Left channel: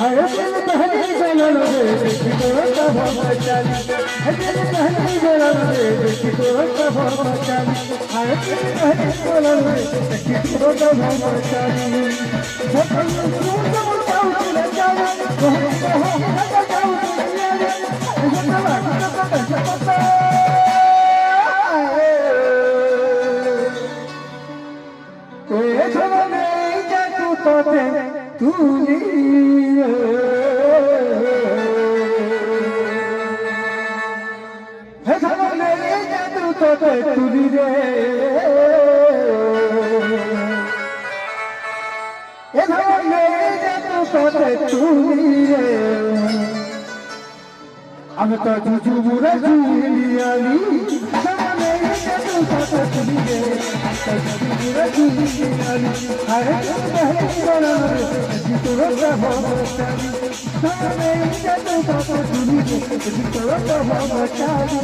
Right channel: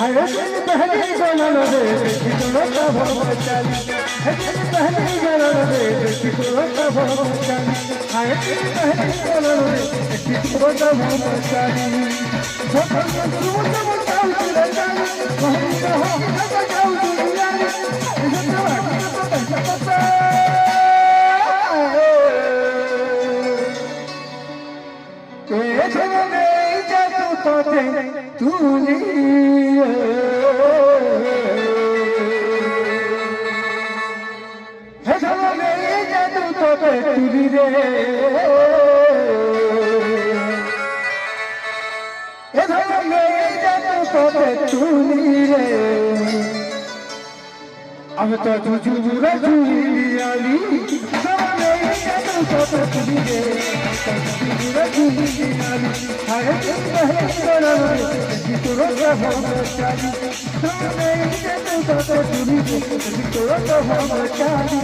हरे बहने जलन रे किशोर ब्रह्मचारी हरे बहने जलन रे किशोर ब्रह्मचारी हरे बहने जलन रे किशोर ब्रह्मचारी जब सूरज मुड़ाऊ रंगाई वह कहा बजाऊ दुनियारी जब पता ए जने जादू तोते तूने तुरी रे तुरी रे अब तो जुजुरा जुलियाली तुरी रे जुजुरा जुलियाली हरे बहन जितरो ब्रह्मचारी तुरी रे जितरो ब्रह्मचारी